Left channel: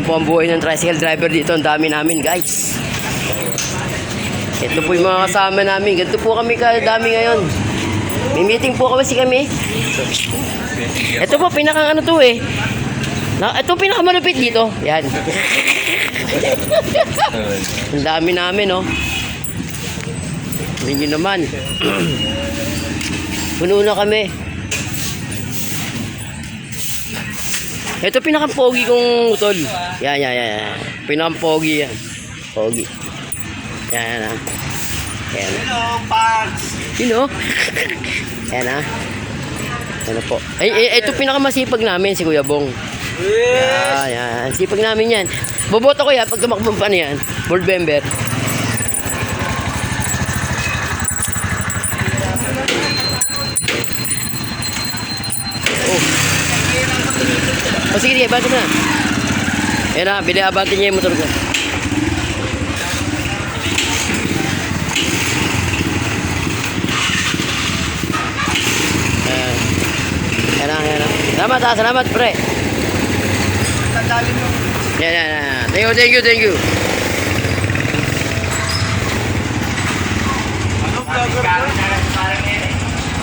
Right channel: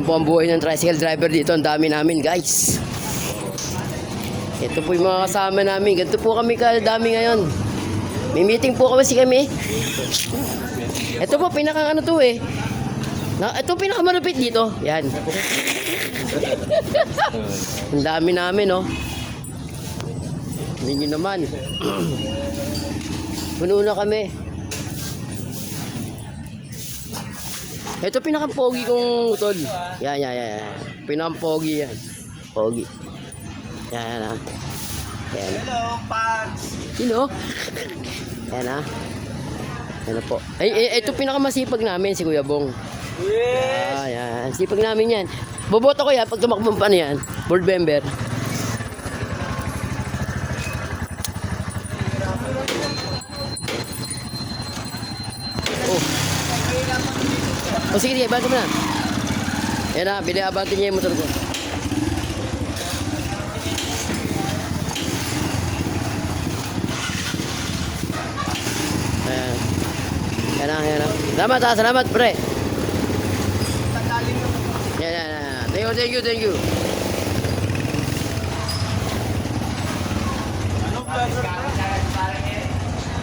Yan po ang buhay ng tricycle driver dito. Ang dami namin, guys. Ito po yung mga kasama namin. Ganito po kami kadami ngayon. May meeting po kami. Ito po, pinakang ano to eh. Ito pinakamalupit dito. Yan. Ang dami namin, oh. Hindi nyo naman. Puno na kami. Ito pinaka-pogi kong utol. Yan. Pinaka-pogi yan. Pogi. Yan ah. Yan. Hello, Parks! Sino? Yan ah. Yan po. Ay, ito pinaka-masipag namin, si Kuya Bong. Yan. Sipag namin yan. Boboto ko yan pag tumakbo pa na yan. Board member. Sige, bata mo na. Ayan na, binabatin niya yung motor ko. Ayan na. Salamat pre. Tandalin mo. Yan. Thank you.